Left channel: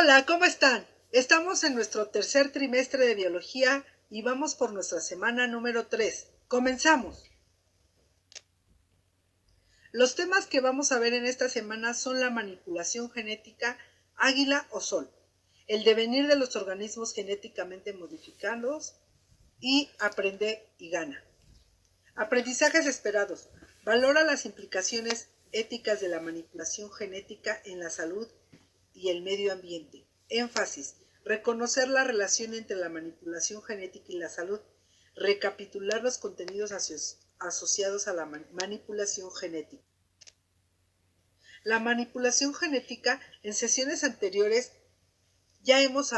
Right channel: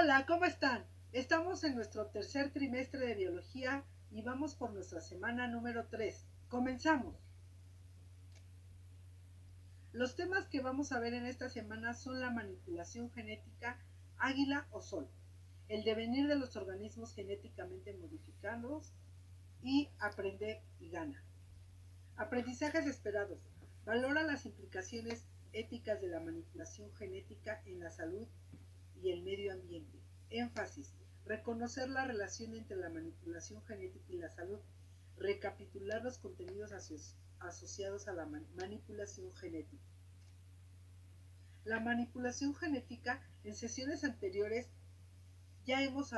Hola, ¿cómo están? Estamos en nuestro tercer trimestre de biología y vamos por nuestra semana número 3. Comenzamos. Los temas que vamos a ver en esta semana son la manipulación genética, águila o sol, el devenir de los organismos genéticamente modificados y aprende y gana. Aprendizajes esperados. Valora las implicaciones éticas de la manipulación genética en la salud y el medio ambiente. Énfasis. Reconocer la relación entre la manipulación genética y la salud. Recapitular los contenidos asociados a la manipulación genética. La manipulación genética, en sesiones anteriores ya hemos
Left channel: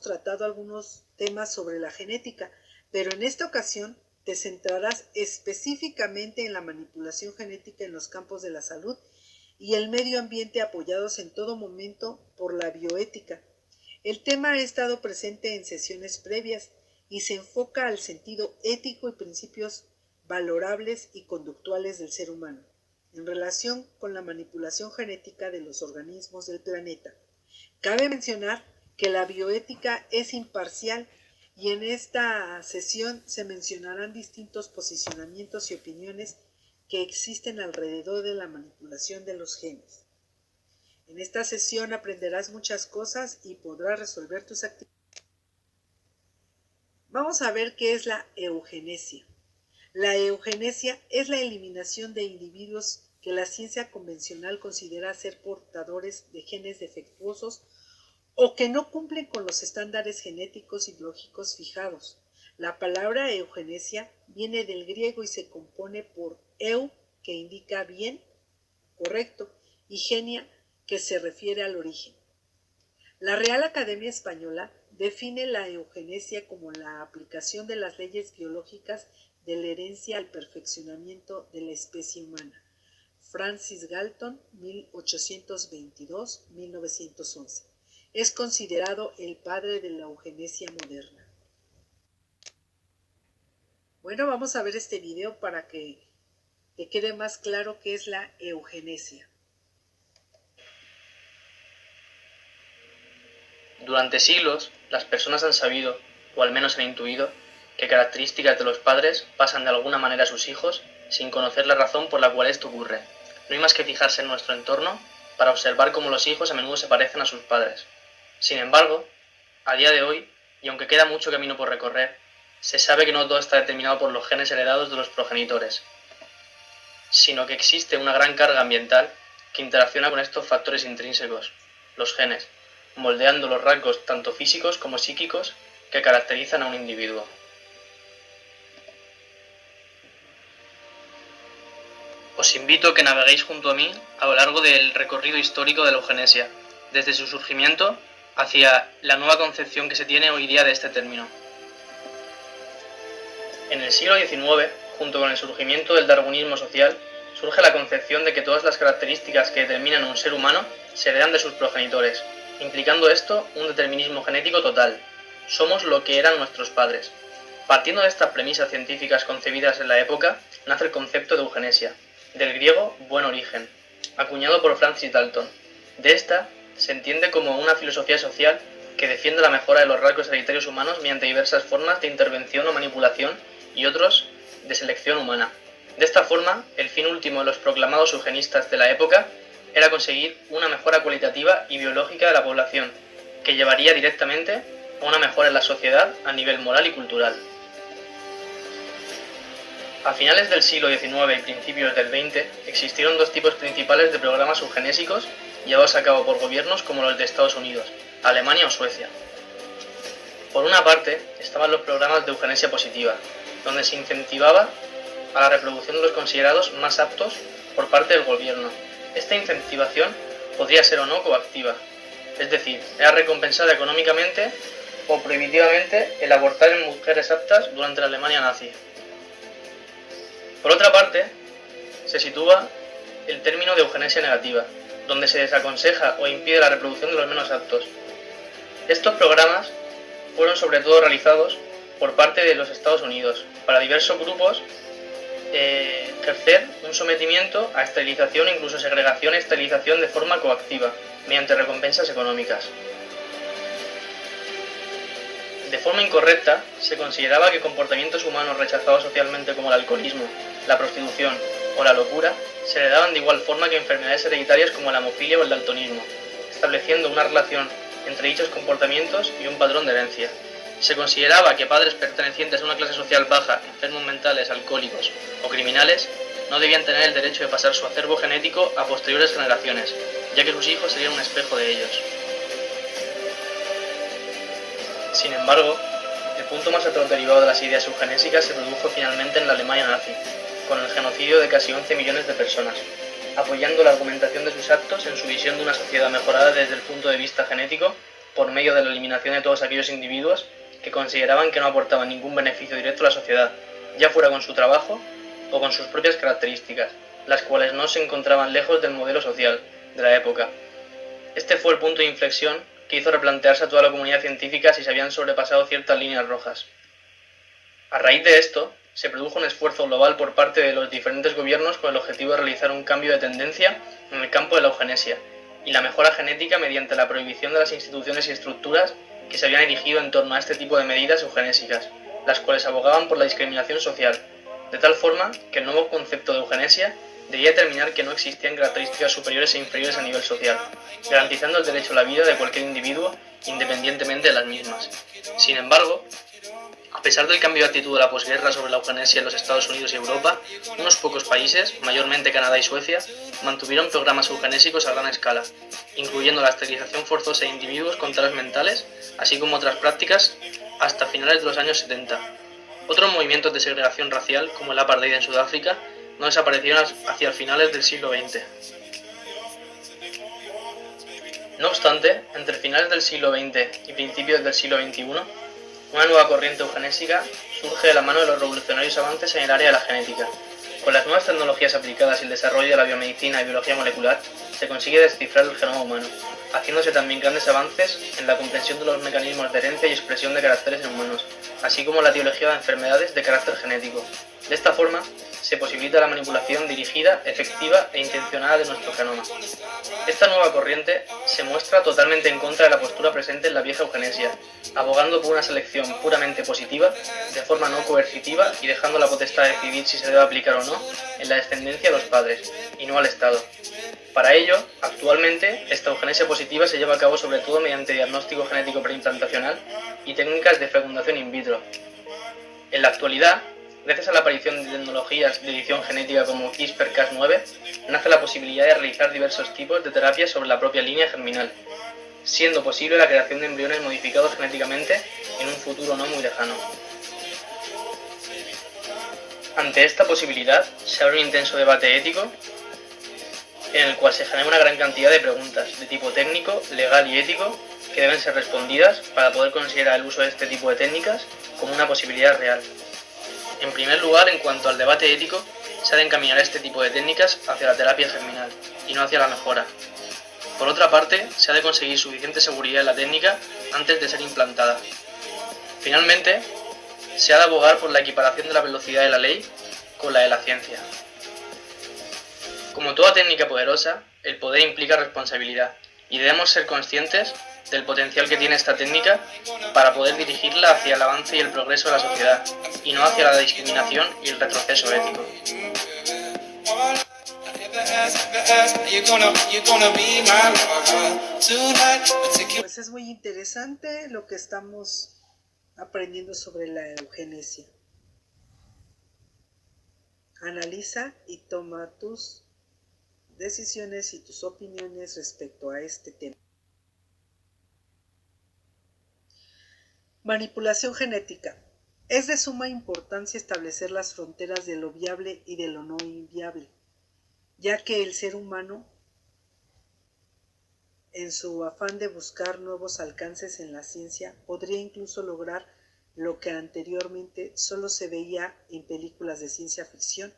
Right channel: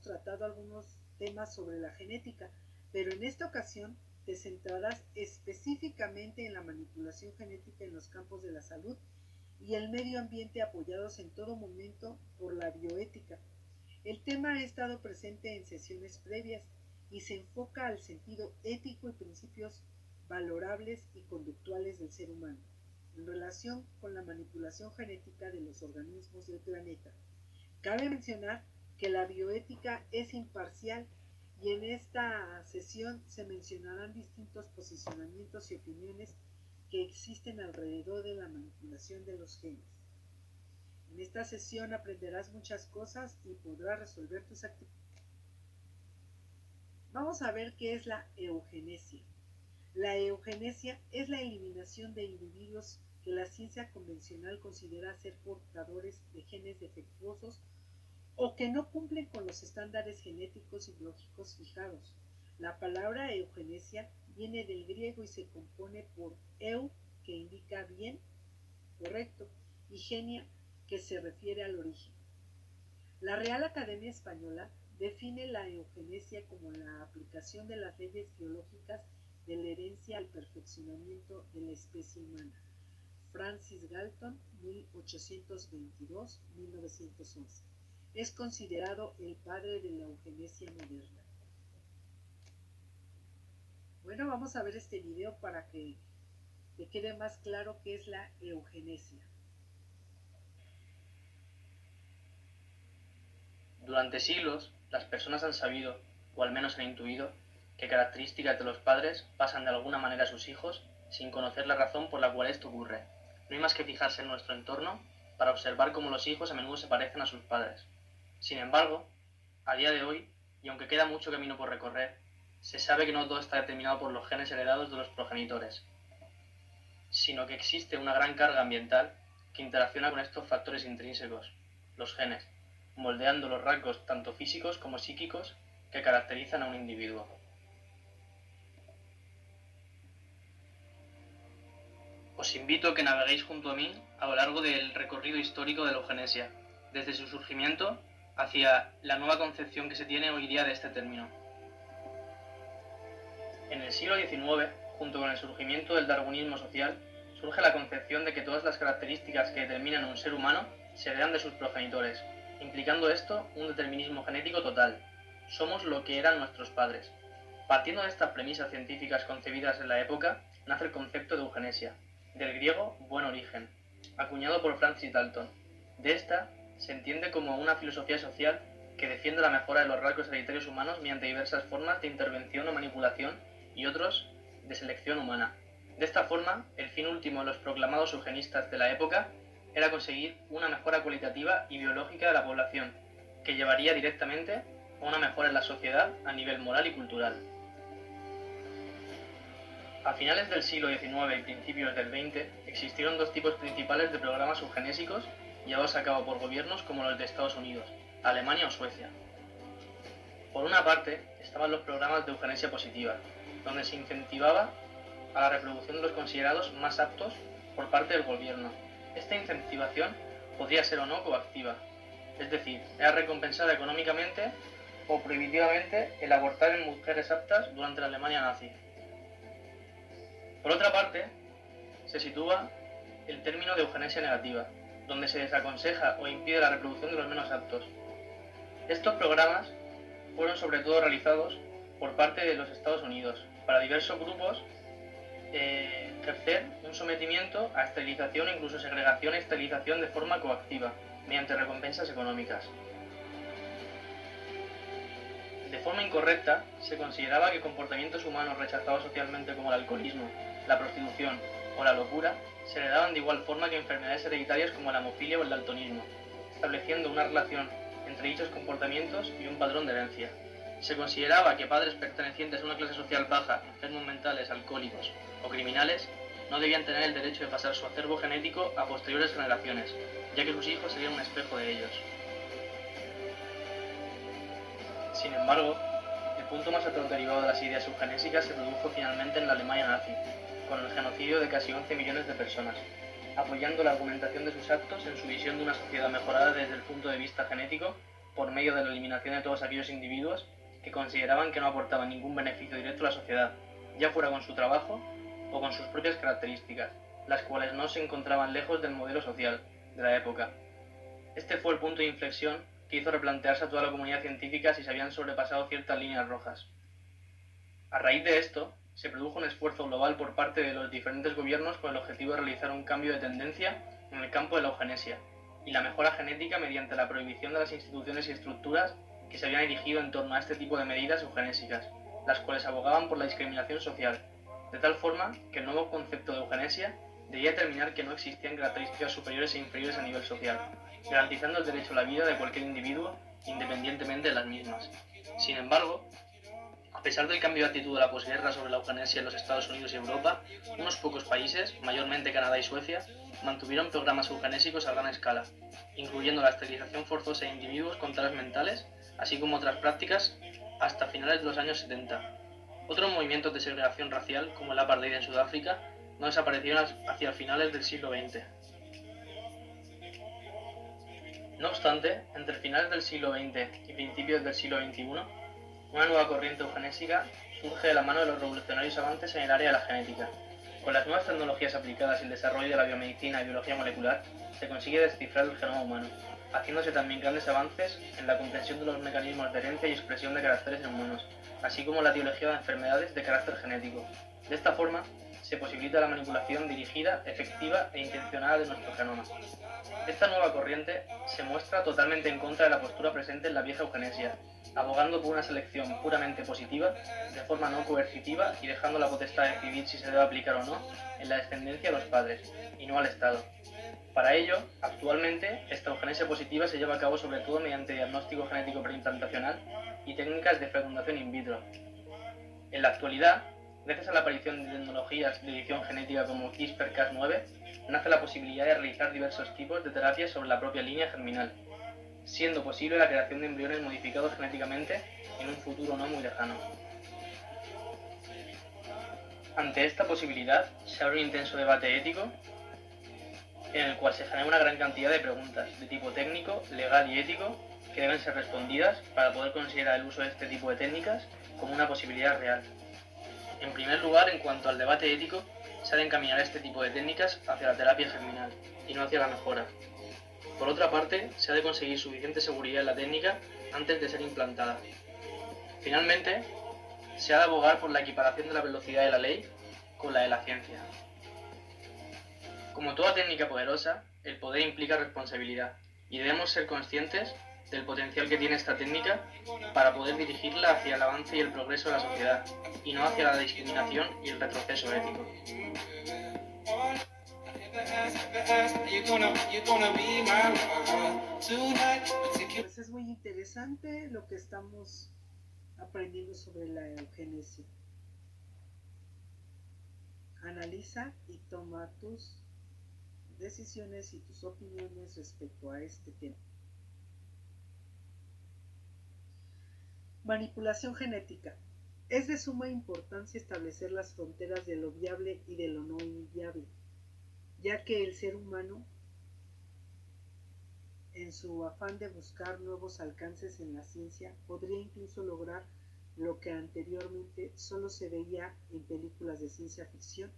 tratado algunos temas sobre la genética, pero en esta ocasión te centrarás específicamente en la manipulación genética en los campos de la salud y el medio ambiente apoyados en todo momento por la bioética. El tema ha estado presente en sesiones previas y se enfoca al sentido ético y principios valorables y conductuales del ser humano en relación con la manipulación genética de los organismos del planeta. Cabe mencionar que la bioética es imparcial y en esta sesión se mencionarán distintos posicionamientos y opiniones que existen alrededor de la manipulación de los genes. En esta sesión aprenderás muchas cosas y podrás resolver tus actividades. Vamos a ver qué es la eugenesia. La eugenesia es la eliminación de individuos que la ciencia convencional considera ser portadores de genes defectuosos o que no cumplen con los estándares genéticos y biológicos fijados. La palabra eugenesia viene del griego y se compone por eu, que indica bien, correcto, y genia, que se refiere al origen. La Real Academia Española define la eugenesia como la aplicación de las leyes biológicas de la herencia al perfeccionamiento de la especie humana. Francis Galton, 1822-1911. Es considerado el padre de la eugenesia moderna. Bueno, vamos a ver este video para que te quede más claro qué es la eugenesia. Durante siglos, las personas han sabido, o al menos han intuido, que características de los padres pasan de alguna manera a sus hijos sin conocer la razón por la cual esto ocurre. No hay más que fijarse en nuestro entorno para observar cómo los hijos a menudo se parecen a sus padres. Sin embargo, a día de hoy, y aunque queda mucho camino por recorrer, se sabe que no todo está determinado por los genes heredados de los progenitores, sino que existe una gran carga ambiental que interacciona con estos factores intrínsecos, los genes, moldeando los rasgos tanto físicos como psíquicos que caracterizan a un individuo. Os invito a que naveguéis junto a mí a lo largo del recorrido histórico de la eugenesia, desde su surgimiento hacia la nueva concepción que se tiene hoy día de este término. En el siglo XIX, junto con el surgimiento del darwinismo social, surge la concepción de que todas las características que determinan a un ser humano se heredan de sus progenitores, implicando esto un determinismo genético total. Somos lo que eran nuestros padres. Partiendo de estas premisas científicas concebidas en la época, nace el concepto de eugenesia, del griego buen origen, acuñado por Francis Galton. De esta se entiende como una filosofía social que defiende la mejora de los rasgos hereditarios humanos mediante diversas formas de intervención o manipulación y otros de selección humana. De esta forma, el fin último de los proclamados eugenistas de la época era conseguir una mejora cualitativa y biológica de la población, que llevaría directamente a una mejora en la sociedad a nivel moral y cultural. A finales del siglo XIX y principios del XX existieron dos tipos principales de programas eugenésicos llevados a cabo por gobiernos como los de Estados Unidos, Alemania o Suecia. Por una parte, estaban los programas de eugenesia positiva, donde se incentivaba a la reproducción de los considerados más aptos por parte del gobierno. Esta incentivación podría ser o no coactiva, es decir, era recompensada económicamente o prohibitivamente el abortar en mujeres aptas durante la Alemania nazi. Por otra parte, se sitúa el término de eugenesia negativa, donde se desaconseja o impide la reproducción de los menos aptos. Estos programas fueron sobre todo realizados por parte de los Estados Unidos para diversos grupos ejercer un sometimiento a esterilización, incluso segregación e esterilización de forma coactiva, mediante recompensas económicas. De forma incorrecta, se consideraba que comportamientos humanos rechazados socialmente como el alcoholismo, la prostitución o la locura se heredaban de igual forma que enfermedades hereditarias como la hemofilia o el daltonismo, estableciendo una relación entre dichos comportamientos y un patrón de herencia. Se consideraba que padres pertenecientes a una clase social baja, enfermos mentales, alcohólicos o criminales, no debían tener el derecho de pasar su acervo genético a posteriores generaciones, ya que sus hijos serían un espejo de ellos. Sin embargo, el punto más atroz derivado de las ideas eugenésicas se produjo finalmente en la Alemania nazi, con el genocidio de casi 11 millones de personas, apoyando la argumentación de sus actos en su visión de una sociedad mejorada desde el punto de vista genético por medio de la eliminación de todos aquellos individuos que consideraban que no aportaban ningún beneficio directo a la sociedad, ya fuera con su trabajo o con sus propias características, las cuales no se encontraban lejos del modelo social de la época. Este fue el punto de inflexión que hizo replantearse a toda la comunidad científica si se habían sobrepasado ciertas líneas rojas. A raíz de esto, se produjo un esfuerzo global por parte de los diferentes gobiernos con el objetivo de realizar un cambio de tendencia en el campo de la eugenesia y la mejora genética mediante la prohibición de las instituciones y estructuras que se habían erigido en torno a este tipo de medidas eugenésicas, las cuales abogaban por la discriminación social, de tal forma que el nuevo concepto de eugenesia debía determinar que no existían características superiores e inferiores a nivel social, garantizando el derecho a la vida de cualquier individuo independientemente de las mismas. Sin embargo, a pesar del cambio de actitud de la posguerra sobre la eugenesia en los Estados Unidos y Europa, unos pocos países, mayormente Canadá y Suecia, mantuvieron programas eugenésicos a gran escala, incluyendo la esterilización forzosa de individuos con taras mentales, así como otras prácticas, hasta finales de los años 70. Otros movimientos de segregación racial, como el apartheid en Sudáfrica, no desaparecieron hacia finales del siglo XX. No obstante, entre finales del siglo XX y principios del siglo XXI, una nueva corriente eugenésica surge de la mano de los revolucionarios avances en el área de la genética. Con las nuevas tecnologías aplicadas y el desarrollo de la biomedicina y biología molecular, se consigue descifrar el genoma humano, haciéndose también grandes avances en la comprensión de los mecanismos de herencia y expresión de caracteres en humanos, así como la etiología de enfermedades de carácter genético. De esta forma, se posibilita la manipulación dirigida, efectiva e intencionada de nuestro genoma. Esta nueva corriente se muestra totalmente en contra de la postura presente en la vieja eugenesia, abogando por una selección puramente positiva, de forma no coercitiva y dejando la potestad de decidir si se debe aplicar o no en la descendencia de los padres, y no al Estado. Para ello, actualmente, esta eugenesia positiva se lleva a cabo sobre todo mediante diagnóstico genético preimplantacional y técnicas de fecundación in vitro. En la actualidad, gracias a la aparición de tecnologías de edición genética como CRISPR-Cas9, nace la posibilidad de realizar diversos tipos de terapias sobre la propia línea germinal, siendo posible la creación de embriones modificados genéticamente en un futuro no muy lejano. Ante esta posibilidad, se abre un intenso debate ético en el cual se genera una gran cantidad de preguntas de tipo técnico, legal y ético que deben ser respondidas para poder considerar el uso de este tipo de técnicas como una posibilidad real. En primer lugar, en cuanto al debate ético, se ha de encaminar este tipo de técnicas hacia la terapia germinal y no hacia la mejora. Por otra parte, se ha de conseguir suficiente seguridad en la técnica antes de ser implantada. Finalmente, se ha de abogar por la equiparación de la velocidad de la ley con la de la ciencia. Como toda técnica poderosa, el poder implica responsabilidad y debemos ser conscientes del potencial que tiene esta técnica para poder dirigirla hacia el avance y el progreso de la sociedad y no hacia la discriminación y el retroceso ético. Pues es muy interesante lo que estamos aprendiendo sobre la eugenesia. Analiza y toma tus decisiones y tus opiniones respecto a este tema. Manipulación genética. Es de suma importancia establecer las fronteras de lo viable y de lo no inviable, ya que el ser humano, en su afán de buscar nuevos alcances en la ciencia, podría incluso lograr lo que anteriormente solo se veía en películas de ciencia ficción.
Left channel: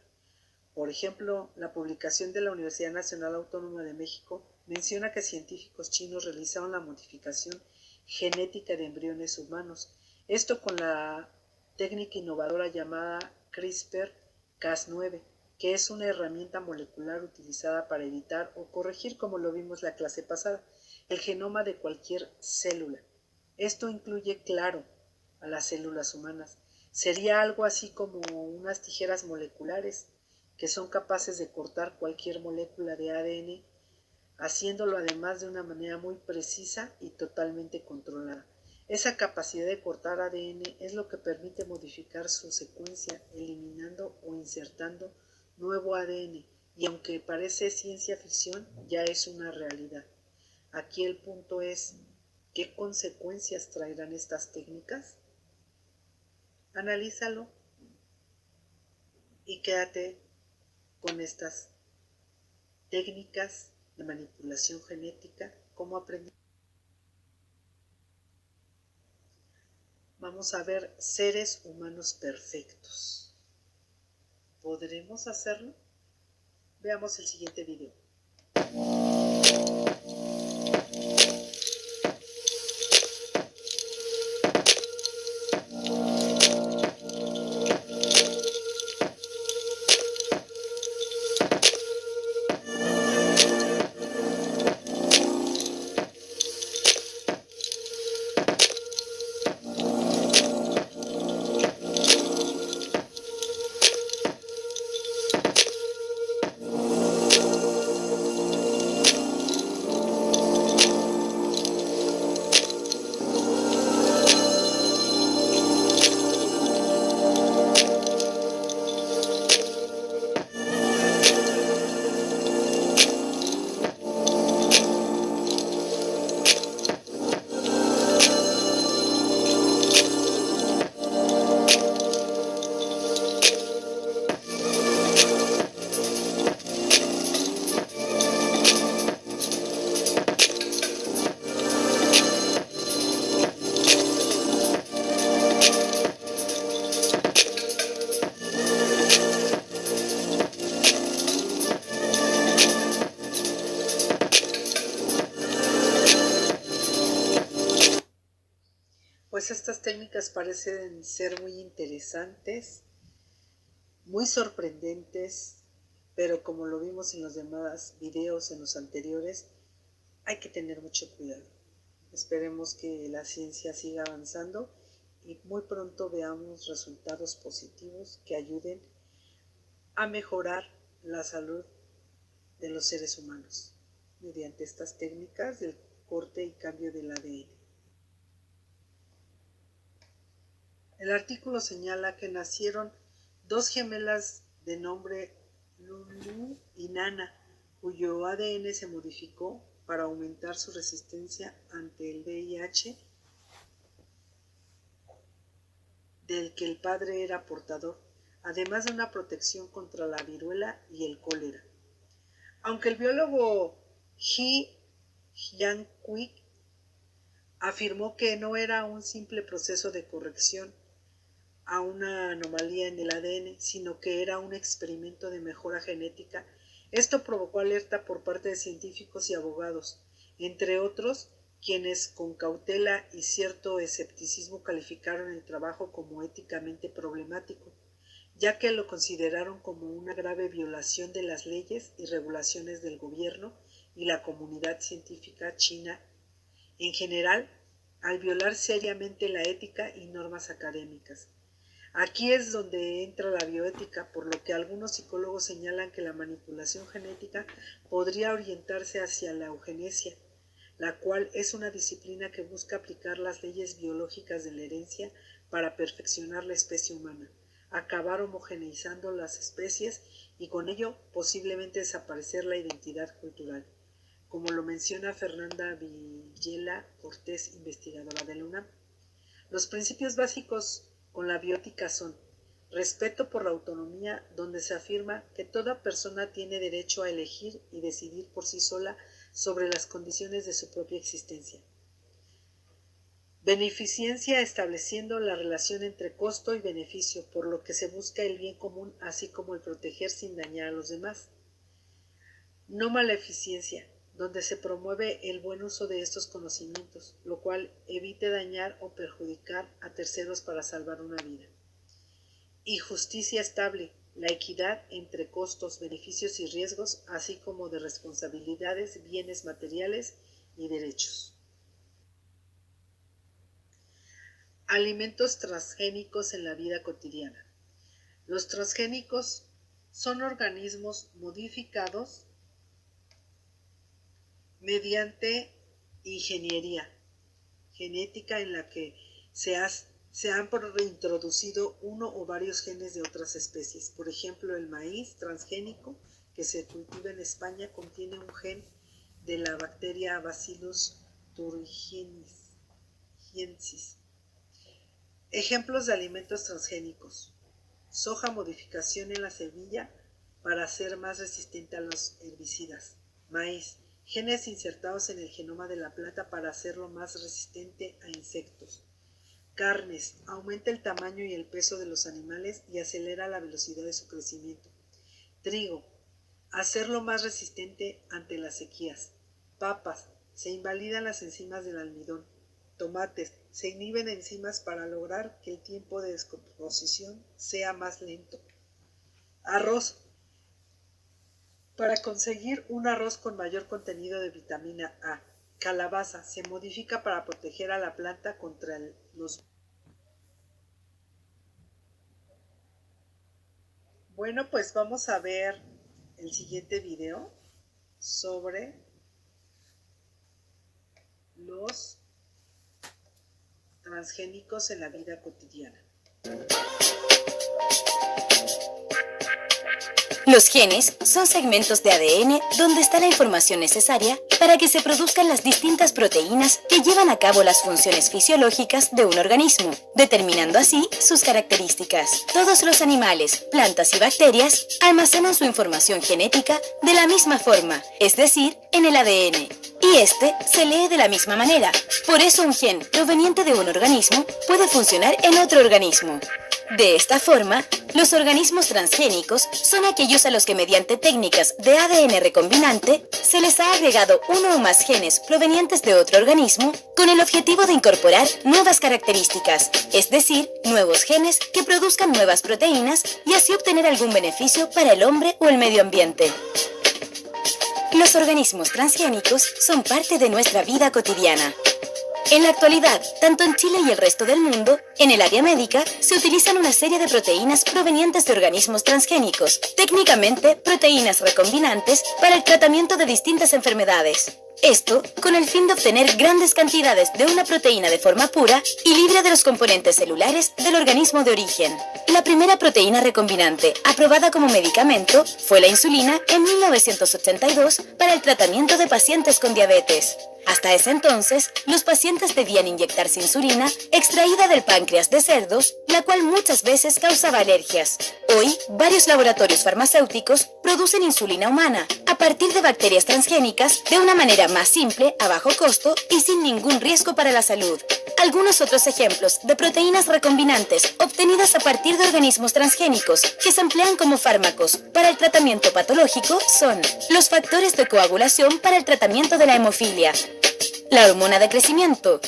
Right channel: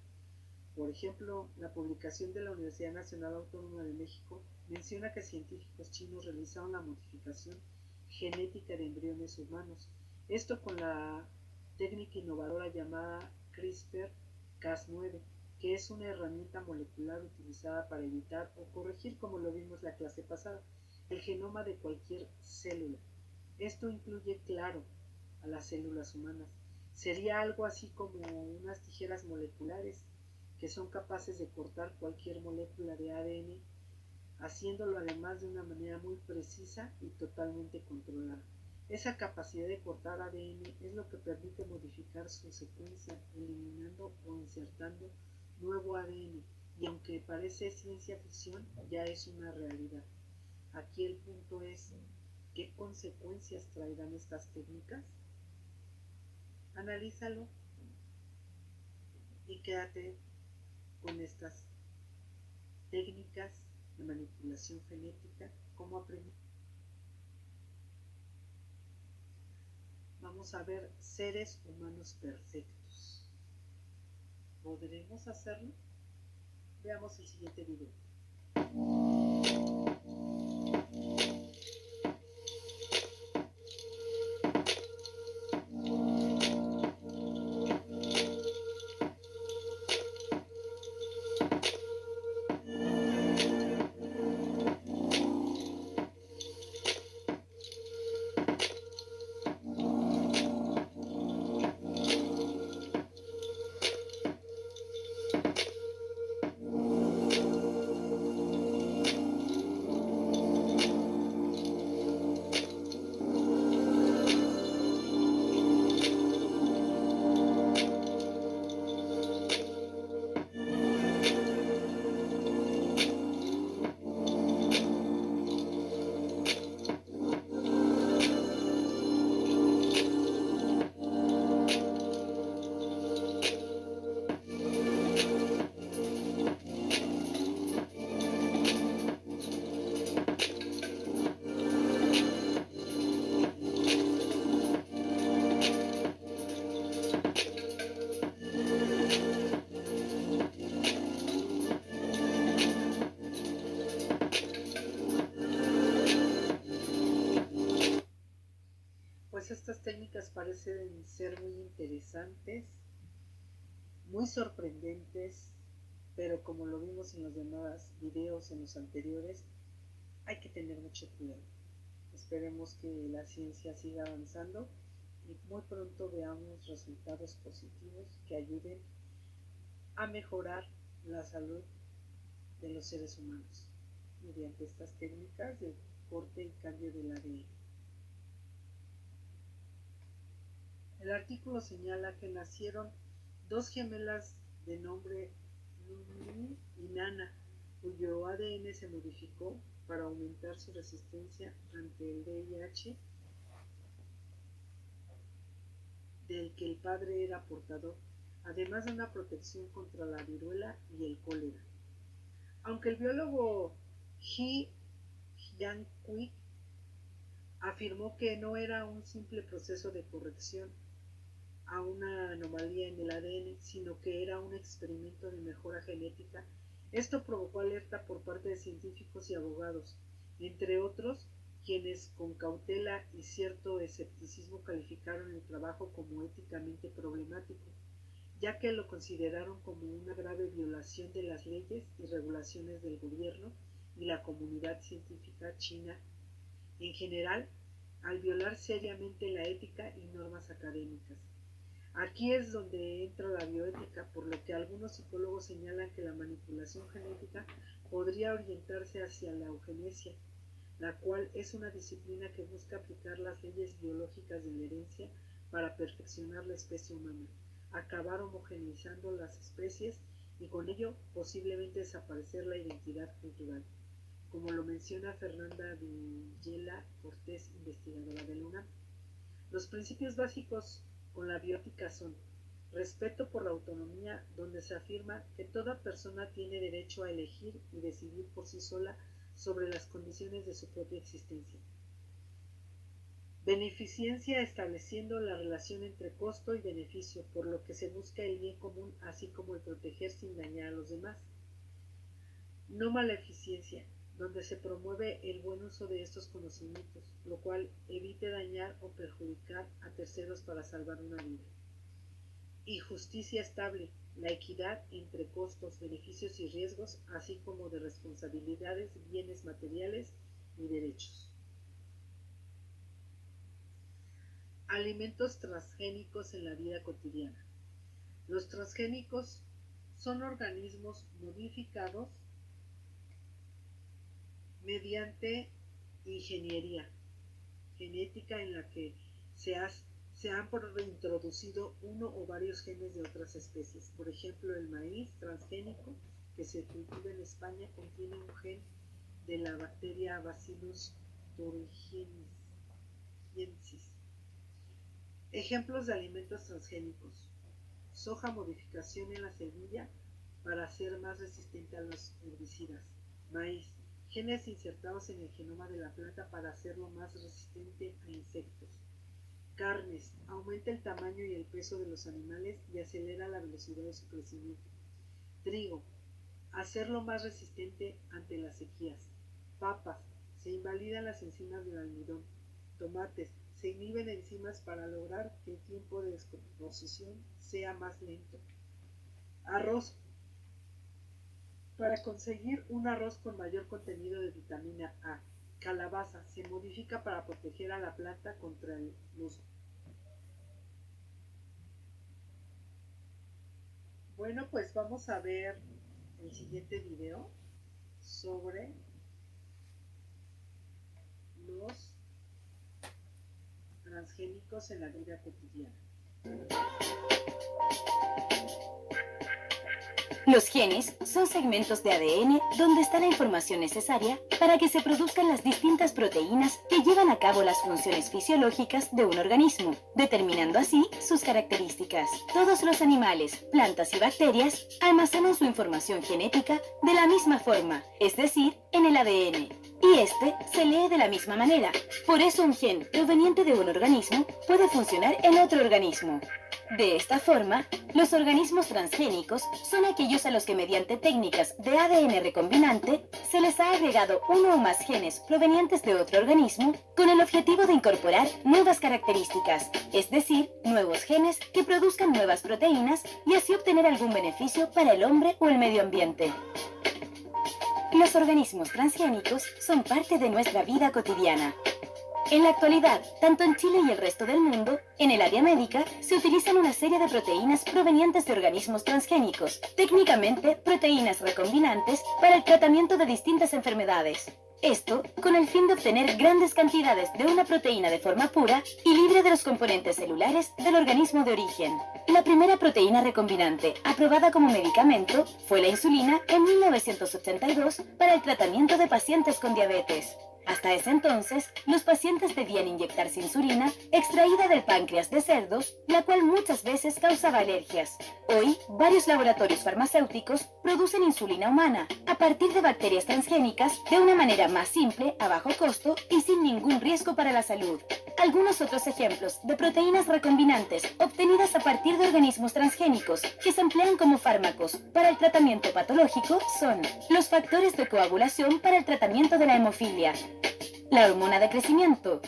Por ejemplo, la publicación de la Universidad Nacional Autónoma de México menciona que científicos chinos realizaron la modificación genética de embriones humanos, esto con la técnica innovadora llamada CRISPR-Cas9, que es una herramienta molecular utilizada para editar o corregir, como lo vimos la clase pasada, el genoma de cualquier célula. Esto incluye, claro, a las células humanas. Sería algo así como unas tijeras moleculares que son capaces de cortar cualquier molécula de ADN, haciéndolo además de una manera muy precisa y totalmente controlada. Esa capacidad de cortar ADN es lo que permite modificar su secuencia, eliminando o insertando nuevo ADN, y aunque parece ciencia ficción, ya es una realidad. Aquí el punto es, ¿qué consecuencias traerán estas técnicas? Analízalo y quédate con estas técnicas de manipulación genética, cómo aprendí. Vamos a ver seres humanos perfectos. ¿Podremos hacerlo? Veamos el siguiente video. Pues estas técnicas parecen ser muy interesantes, muy sorprendentes, pero como lo vimos en los demás videos, en los anteriores, hay que tener mucho cuidado. Esperemos que la ciencia siga avanzando y muy pronto veamos resultados positivos que ayuden a mejorar la salud de los seres humanos mediante estas técnicas del corte y cambio del ADN. El artículo señala que nacieron dos gemelas de nombre Lulu y Nana, cuyo ADN se modificó para aumentar su resistencia ante el VIH, del que el padre era portador, además de una protección contra la viruela y el cólera. Aunque el biólogo Ji Yang-Quick afirmó que no era un simple proceso de corrección a una anomalía en el ADN, sino que era un experimento de mejora genética, esto provocó alerta por parte de científicos y abogados, entre otros, quienes con cautela y cierto escepticismo calificaron el trabajo como éticamente problemático, ya que lo consideraron como una grave violación de las leyes y regulaciones del gobierno y la comunidad científica china en general, al violar seriamente la ética y normas académicas. Aquí es donde entra la bioética, por lo que algunos psicólogos señalan que la manipulación genética podría orientarse hacia la eugenesia, la cual es una disciplina que busca aplicar las leyes biológicas de la herencia para perfeccionar la especie humana, acabar homogeneizando las especies y con ello posiblemente desaparecer la identidad cultural, como lo menciona Fernanda Villela Cortés, investigadora de la UNAM. Los principios básicos con la bioética son respeto por la autonomía, donde se afirma que toda persona tiene derecho a elegir y decidir por sí sola sobre las condiciones de su propia existencia. Beneficencia, estableciendo la relación entre costo y beneficio, por lo que se busca el bien común, así como el proteger sin dañar a los demás. No maleficencia, donde se promueve el buen uso de estos conocimientos, lo cual evite dañar o perjudicar a terceros para salvar una vida. Y justicia estable, la equidad entre costos, beneficios y riesgos, así como de responsabilidades, bienes materiales y derechos. Alimentos transgénicos en la vida cotidiana. Los transgénicos son organismos modificados mediante ingeniería genética en la que se han introducido uno o varios genes de otras especies. Por ejemplo, el maíz transgénico que se cultiva en España contiene un gen de la bacteria Bacillus thuringiensis. Ejemplos de alimentos transgénicos: soja, modificación en la semilla para ser más resistente a los herbicidas. Maíz, genes insertados en el genoma de la planta para hacerlo más resistente a insectos. Carnes, aumenta el tamaño y el peso de los animales y acelera la velocidad de su crecimiento. Trigo, hacerlo más resistente ante las sequías. Papas, se invalidan las enzimas del almidón. Tomates, se inhiben enzimas para lograr que el tiempo de descomposición sea más lento. Arroz, para conseguir un arroz con mayor contenido de vitamina A. Calabaza, se modifica para proteger a la planta contra los... Bueno, pues vamos a ver el siguiente video sobre los transgénicos en la vida cotidiana. Los genes son segmentos de ADN donde está la información necesaria para que se produzcan las distintas proteínas que llevan a cabo las funciones fisiológicas de un organismo, determinando así sus características. Todos los animales, plantas y bacterias almacenan su información genética de la misma forma, es decir, en el ADN, y este se lee de la misma manera. Por eso un gen proveniente de un organismo puede funcionar en otro organismo. De esta forma, los organismos transgénicos son aquellos a los que mediante técnicas de ADN recombinante se les ha agregado uno o más genes provenientes de otro organismo con el objetivo de incorporar nuevas características, es decir, nuevos genes que produzcan nuevas proteínas y así obtener algún beneficio para el hombre o el medio ambiente. Los organismos transgénicos son parte de nuestra vida cotidiana. En la actualidad, tanto en Chile y el resto del mundo, en el área médica se utilizan una serie de proteínas provenientes de organismos transgénicos, técnicamente proteínas recombinantes para el tratamiento de distintas enfermedades. Esto con el fin de obtener grandes cantidades de una proteína de forma pura y libre de los componentes celulares del organismo de origen. La primera proteína recombinante aprobada como medicamento fue la insulina en 1982 para el tratamiento de pacientes con diabetes. Hasta ese entonces, los pacientes debían inyectarse insulina extraída del páncreas de cerdos, la cual muchas veces causaba alergias. Hoy, varios laboratorios farmacéuticos producen insulina humana a partir de bacterias transgénicas de una manera más simple, a bajo costo y sin ningún riesgo para la salud. Algunos otros ejemplos de proteínas recombinantes obtenidas a partir de organismos transgénicos que se emplean como fármacos para el tratamiento patológico son los factores de coagulación para el tratamiento de la hemofilia, la hormona de crecimiento,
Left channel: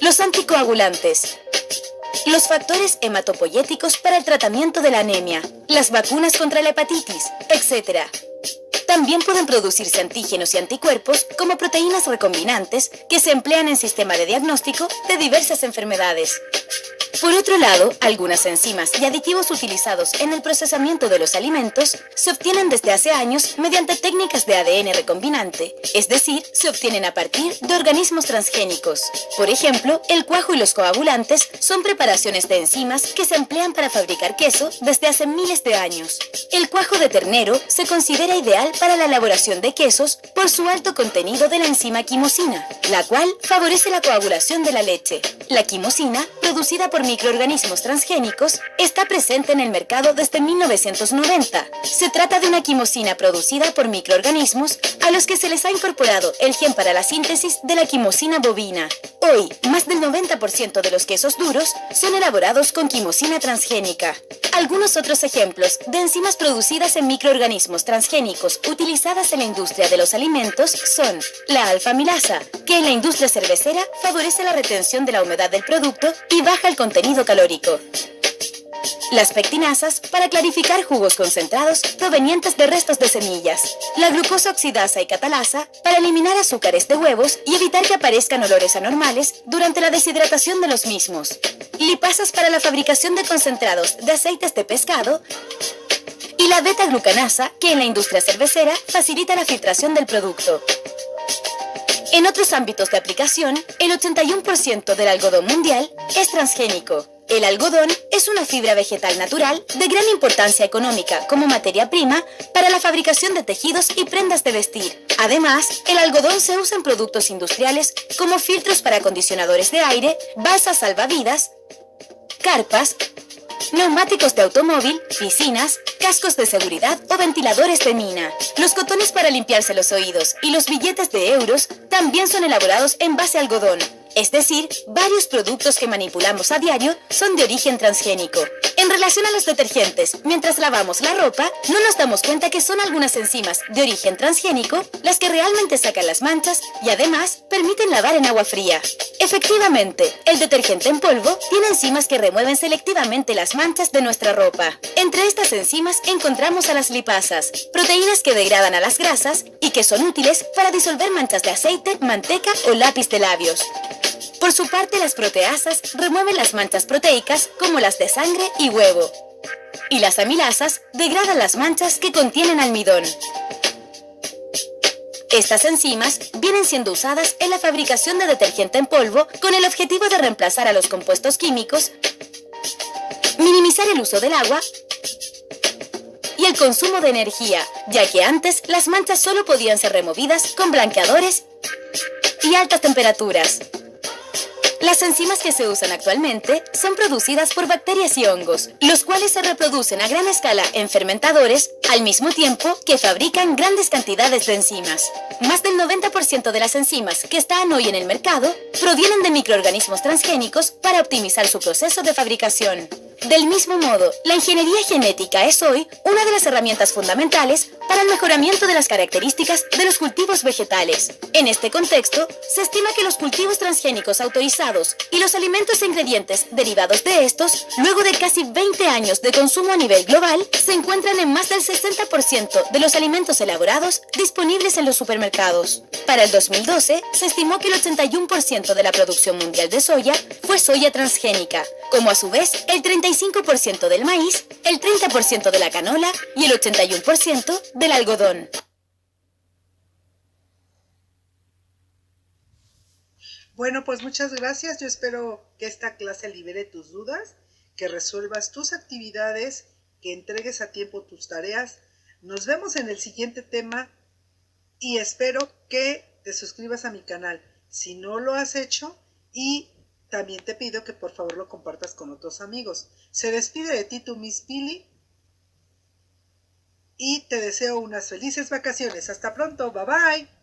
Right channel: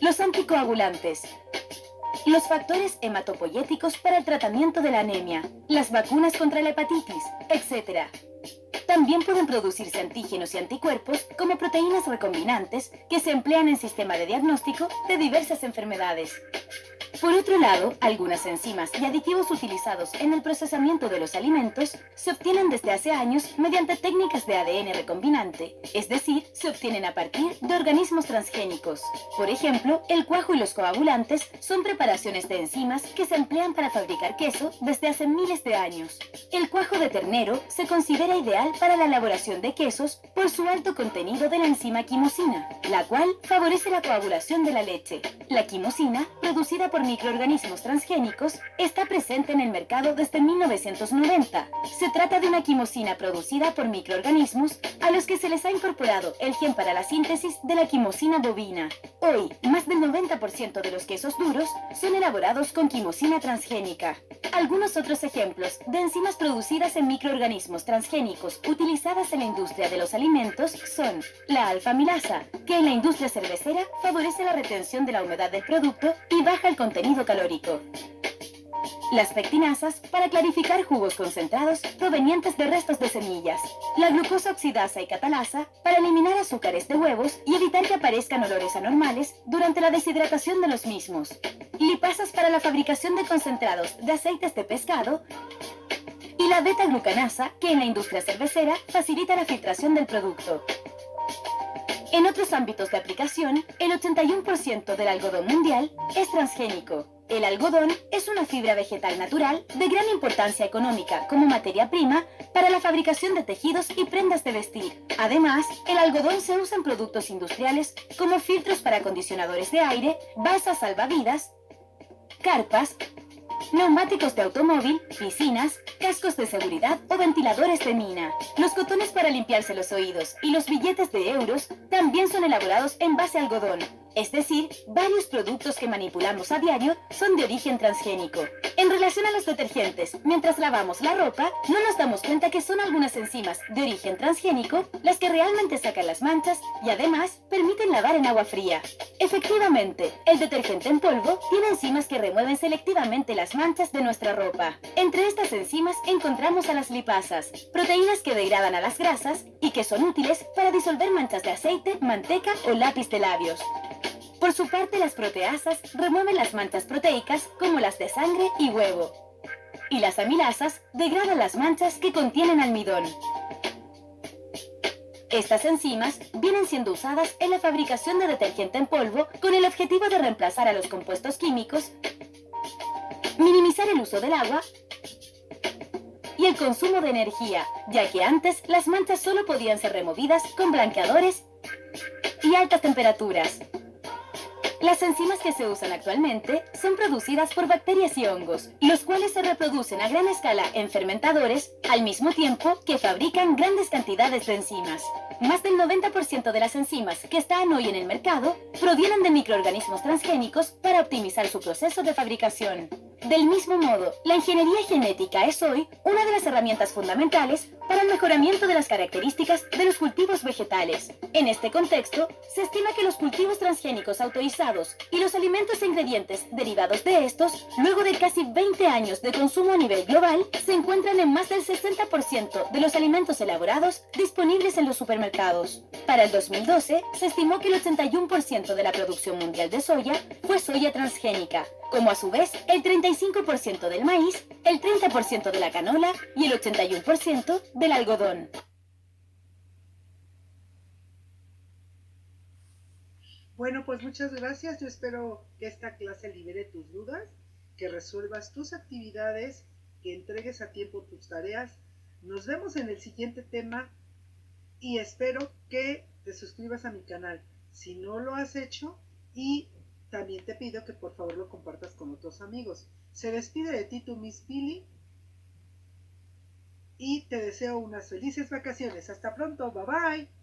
los anticoagulantes, los factores hematopoyéticos para el tratamiento de la anemia, las vacunas contra la hepatitis, etc. También pueden producirse antígenos y anticuerpos como proteínas recombinantes que se emplean en sistema de diagnóstico de diversas enfermedades. Por otro lado, algunas enzimas y aditivos utilizados en el procesamiento de los alimentos se obtienen desde hace años mediante técnicas de ADN recombinante, es decir, se obtienen a partir de organismos transgénicos. Por ejemplo, el cuajo y los coagulantes son preparaciones de enzimas que se emplean para fabricar queso desde hace miles de años. El cuajo de ternero se considera ideal para la elaboración de quesos por su alto contenido de la enzima quimosina, la cual favorece la coagulación de la leche. La quimosina, producida por microorganismos transgénicos, está presente en el mercado desde 1990. Se trata de una quimosina producida por microorganismos a los que se les ha incorporado el gen para la síntesis de la quimosina bovina. Hoy, más del 90% de los quesos duros son elaborados con quimosina transgénica. Algunos otros ejemplos de enzimas producidas en microorganismos transgénicos utilizadas en la industria de los alimentos son la alfa-amilasa, que en la industria cervecera favorece la retención de la humedad del producto y baja el contenido calórico. Las pectinasas para clarificar jugos concentrados provenientes de restos de semillas. La glucosa oxidasa y catalasa para eliminar azúcares de huevos y evitar que aparezcan olores anormales durante la deshidratación de los mismos. Lipasas para la fabricación de concentrados de aceites de pescado. Y la beta-glucanasa, que en la industria cervecera facilita la filtración del producto. En otros ámbitos de aplicación, el 81% del algodón mundial es transgénico. El algodón es una fibra vegetal natural de gran importancia económica como materia prima para la fabricación de tejidos y prendas de vestir. Además, el algodón se usa en productos industriales como filtros para acondicionadores de aire, balsas salvavidas, carpas, neumáticos de automóvil, piscinas, cascos de seguridad o ventiladores de mina. Los cotones para limpiarse los oídos y los billetes de euros también son elaborados en base a algodón. Es decir, varios productos que manipulamos a diario son de origen transgénico. En relación a los detergentes, mientras lavamos la ropa, no nos damos cuenta que son algunas enzimas de origen transgénico las que realmente sacan las manchas y además permiten lavar en agua fría. Efectivamente, el detergente en polvo tiene enzimas que remueven selectivamente las manchas de nuestra ropa. Entre estas enzimas encontramos a las lipasas, proteínas que degradan a las grasas y que son útiles para disolver manchas de aceite, manteca o lápiz de labios. Por su parte, las proteasas remueven las manchas proteicas como las de sangre y huevo. Y las amilasas degradan las manchas que contienen almidón. Estas enzimas vienen siendo usadas en la fabricación de detergente en polvo con el objetivo de reemplazar a los compuestos químicos, minimizar el uso del agua y el consumo de energía, ya que antes las manchas solo podían ser removidas con blanqueadores y altas temperaturas. Las enzimas que se usan actualmente son producidas por bacterias y hongos, los cuales se reproducen a gran escala en fermentadores, al mismo tiempo que fabrican grandes cantidades de enzimas. Más del 90% de las enzimas que están hoy en el mercado provienen de microorganismos transgénicos para optimizar su proceso de fabricación. Del mismo modo, la ingeniería genética es hoy una de las herramientas fundamentales para el mejoramiento de las características de los cultivos vegetales. En este contexto, se estima que los cultivos transgénicos autorizados y los alimentos e ingredientes derivados de estos, luego de casi 20 años de consumo a nivel global, se encuentran en más del 60% de los alimentos elaborados disponibles en los supermercados. Para el 2012, se estimó que el 81% de la producción mundial de soya fue soya transgénica, como a su vez el 35% del maíz, el 30% de la canola y el 81% del algodón. Bueno, pues muchas gracias. Yo espero que esta clase libere tus dudas, que resuelvas tus actividades, que entregues a tiempo tus tareas. Nos vemos en el siguiente tema y espero que te suscribas a mi canal si no lo has hecho y también te pido que por favor lo compartas con otros amigos. Se despide de ti tu Miss Pili y te deseo unas felices vacaciones. Hasta pronto, bye bye.